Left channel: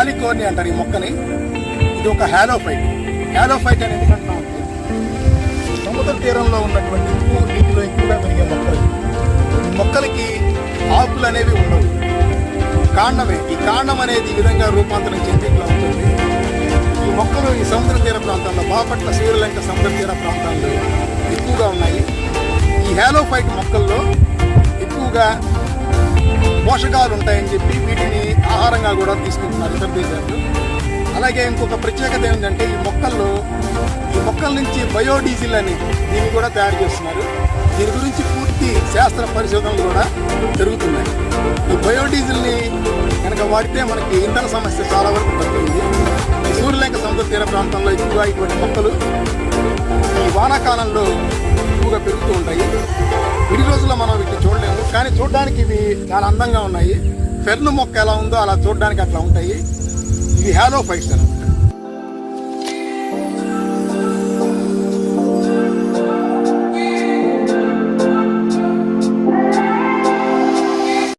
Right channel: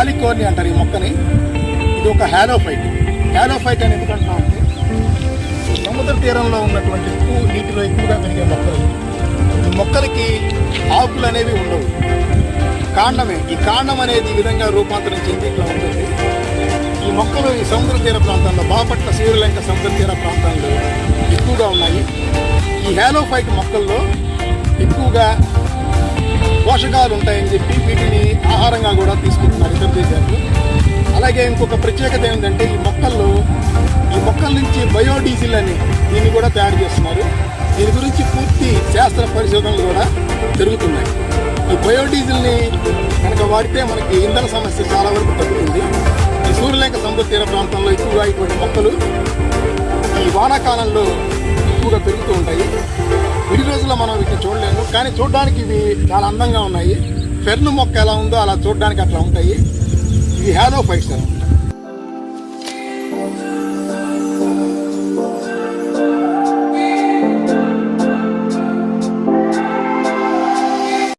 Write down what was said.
గాలికోర్ని అంటారు ఈ మొక్కని. ఇది ఒక హ్యాలోఫైట్. హ్యాలోఫైట్ అని ఎందుకంటున్నాం అంటే సముద్ర తీరంలో ఉన్నటువంటి ఉప్పు నీటిలో ఎక్కువగా పెరిగే మొక్కలు. ఈ మొక్కలకి ఆకులు అనేవి ఉండవు, కాండమే. ఈ కాండం అనేది ఈ విధంగా రూపాంతరం చెంది ఇట్లా ఉంటుంది. ఈ మొక్కలు ఈ సముద్ర తీర ప్రాంతంలో, బాపట్ల శ్రీలంక సముద్ర తీర ప్రాంతాల్లో ఎక్కువగా ఉన్నాయి. ఈ హ్యాలోఫైట్ మొక్కల్లో ఎక్కువగా పోషకాలు ఉంటాయని చెప్పి వీటిని ఆహారంగా కూడా తీసుకుంటున్నారు ఇతర దేశాలు. అలాగే ఇంకొక ప్రత్యేకత ఏంటంటే ఈ మొక్కల నుంచి బయోడీజిల్ అని దీన్ని కూడా తయారు చేస్తున్నారు. దీని గురించి పూర్తి శాస్త్ర పరిశోధనలు కూడా జరుగుతున్నాయి. ఈ బయోడీజిల్ని కనుక వాడితే మనకి ఇంధన సమస్య చాలా వరకు తగ్గుతుంది. ఈ శ్రీలంక సముద్ర తీర ప్రాంతంలో ఎక్కువగా ఇటువంటి మొక్కలు ఈ వానాకాలంలో ఎక్కువగా పెరుగుతూ ఉంటాయి. విడి రోజుల్లో మనం వీటిని చూడలేము, కానీ చూడడానికి ఇవి చాలా అందంగా ఉన్నాయి. ఫెర్న్ మొక్క ఎలా ఉందో అలా చూడడానికి అట్లా ఉంటాయి. ఇవి హ్యాలోఫైట్స్ అన్నమాట.